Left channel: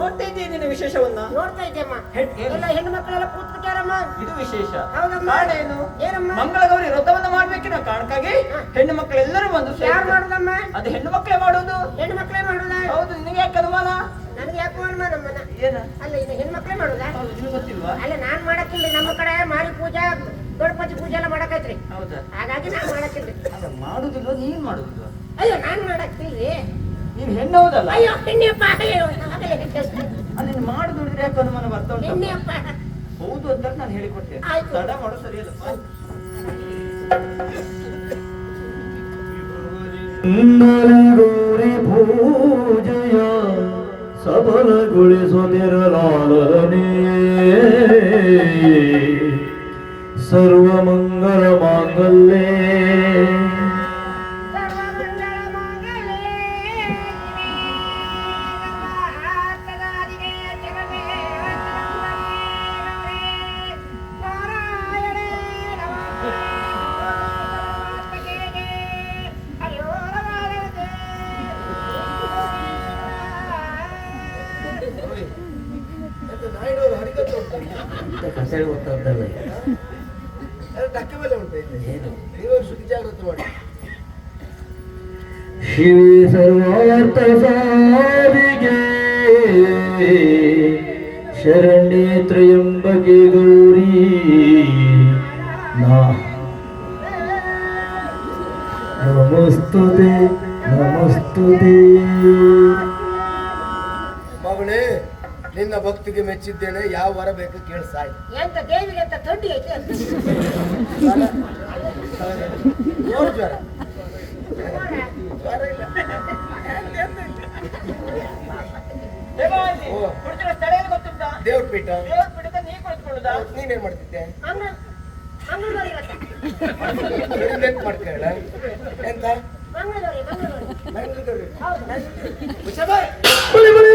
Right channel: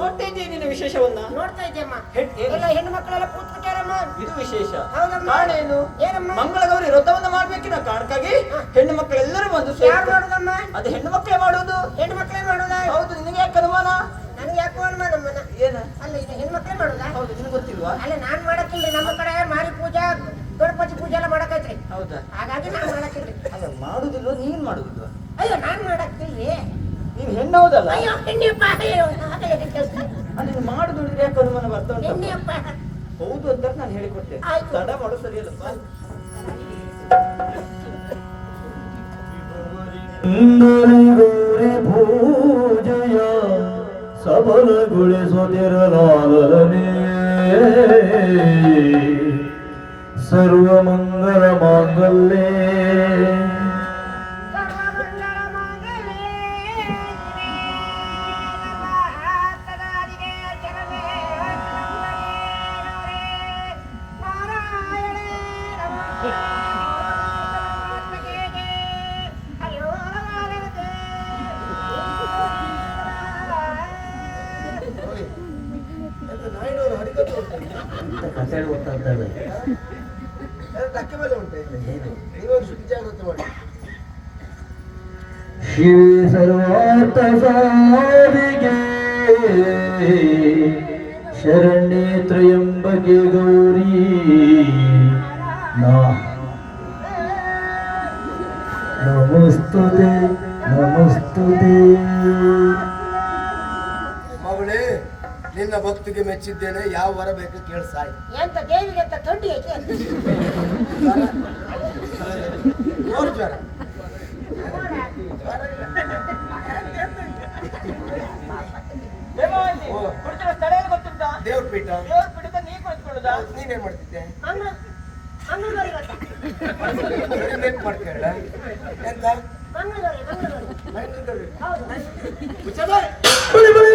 ನೋಡ್ತಾ ಇದ್ದೀಯ ನಿನ್ನ ವಿಶೇಷವನ್ನ? ನೋಡ್ತಾ ಇದ್ದೆಮ್ಮ. ಎಲ್ಲ ಹೆಣ್ಣು ಮಕ್ಕಳೆಲ್ಲ ಕೂತ್ಬಿಟ್ಟಾರಮ್ಮ. ಇದು ವಿಶೇಷ. ಹೌದಮ್ಮ. ಕಾರಣ ಏನು? ಏನಮ್ಮ? ಮಂಗಳಗೌರಿ ವ್ರತವನ್ನು ಮಾಡ್ಬೇಕಿನ ಕಾರಣಕ್ಕಾಗಿ ಹೆಣ್ಣು ಮಕ್ಕಳೆಲ್ಲರೂ ಬಂದು ಯಾರು ಮಾಡುದಮ್ಮ? ಅದು ಹೆಣ್ಣು ಮಕ್ಕಳೇ ಮಾಡುವುದು. ಹೆಣ್ಣು ಮಕ್ಕಳೇ ಮಾಡುದ? ಹೌದು. ನಿನಗೆ ಯಾಕೆ ಅನುಮಾನ? ನನಗೆ ಯಾಕೋ ಅನುಮಾನಮ್ಮನ. ಏನ? ಅಲ್ಲ ಇದು ಹೆಣ್ಣು ಮಕ್ಕಳೇ ಮಾಡುದ? ಹೌದು. ನಿನಗೆ ಗೊತ್ತಿಲ್ವಾ? ಅಲ್ಲ ನಾನ್ ಮಾಡಕ್ಕಿಲ್ರಿ. ನಮ್ಮ ಕಡೆ ಮಾರಿ ಪೂಜಾ ಗಣಪತಿ ಪೂಜೆ ಎಲ್ಲ ಮಾಡಕೈತ್ರಿ. ಹೌದಾ? ಹಾಗಾಗಿ ನಾನು ಮಾಡಕ್ಕಿಲ್ರಿ. ಅಲ್ಲ ಮಾಡುದಿಲ್ವ? ನೀನ್ ಮಾಡುದಿಲ್ವ? ಅಯ್ಯೋ ನಾನ್ ಮಾಡಕ್ಕಿಲ್ರಿ. ನೀನ್ ಹೆಣ್ಣು ಹೌದಲ್ಲ? ಅಯ್ಯೋ ಹೆಣ್ಣೆಪ್ಪ. ಅಯ್ಯೋ ಅದನ್ನ ಮಾಡುದು ಯಾಕೆ ಅನುಮಾನ ಬರ್ತಾ ಉಂಟು? ಹೆಣ್ಣೆಪ್ಪ. ಹೌದು ಅಂತ ನಾನು ಹೇಳಿಕೊಟ್ಟೆ. ಆಯ್ತು. ತಡ ಮಾಡು ಸರಿಯಲ್ಲಪ್ಪ. ಗೌರಿ ಪೂಜೆಯ ಸಫಲಗೊಳಿಸುತ್ತಿರಲಾರನೇ ಸರ್ವಮಂಗಲ ಮಾಂಗಲ್ಯೇ ಶಿವ ಸರ್ವಾರ್ಥ ಸಾಧಿಗೆ ಶರಣ್ಯೇ ತ್ರಯಂಬಕೆ ಗೌರಿ ನಮಸ್ತುತೆ ನಮಸ್ತುತೆ. ಮಗಳೇ, ನಿನ್ನ ಭಕ್ತಿಗೆ ಮೆಚ್ಚಿದ್ದೇನೆ. ಯಾವ ವರ ಬೇಕು ಕೇಳಿ ಸಾಯಿ. ಎಂತ ದೇವಿಗೆ ಅಂತ ಥಂಡಿ ಐತೆ ಅಂತ. ಜೋರು ಜ್ವರ. ಓ, ಕುಳಿತಿರೋ ಸ್ಥಳ ಏನು ಗೊತ್ತುಂಟಾ? ದೇವ್ರ ಪೀಠ. ದೇವ್ರ ಪೀಠದ ನೀ ಕುಳಿತುಕೊಳ್ಳುದಾ? ನೀನೇನ್ ಮಾಡ್ತಿದ್ದೆ? ಮಂಗಳೂರಿಗೆ ನೆನ್ಪು ಮಾಡ್ತೀಯಲ್ಲ? ಎಂತ? ಮಂಗಳೂರಿಗೆ ಬೆಂಗಳೂರು. ಹೌದು. ಹುಚ್ಚ ಬಾಯ್. ಬಳಿ ಬಳಿ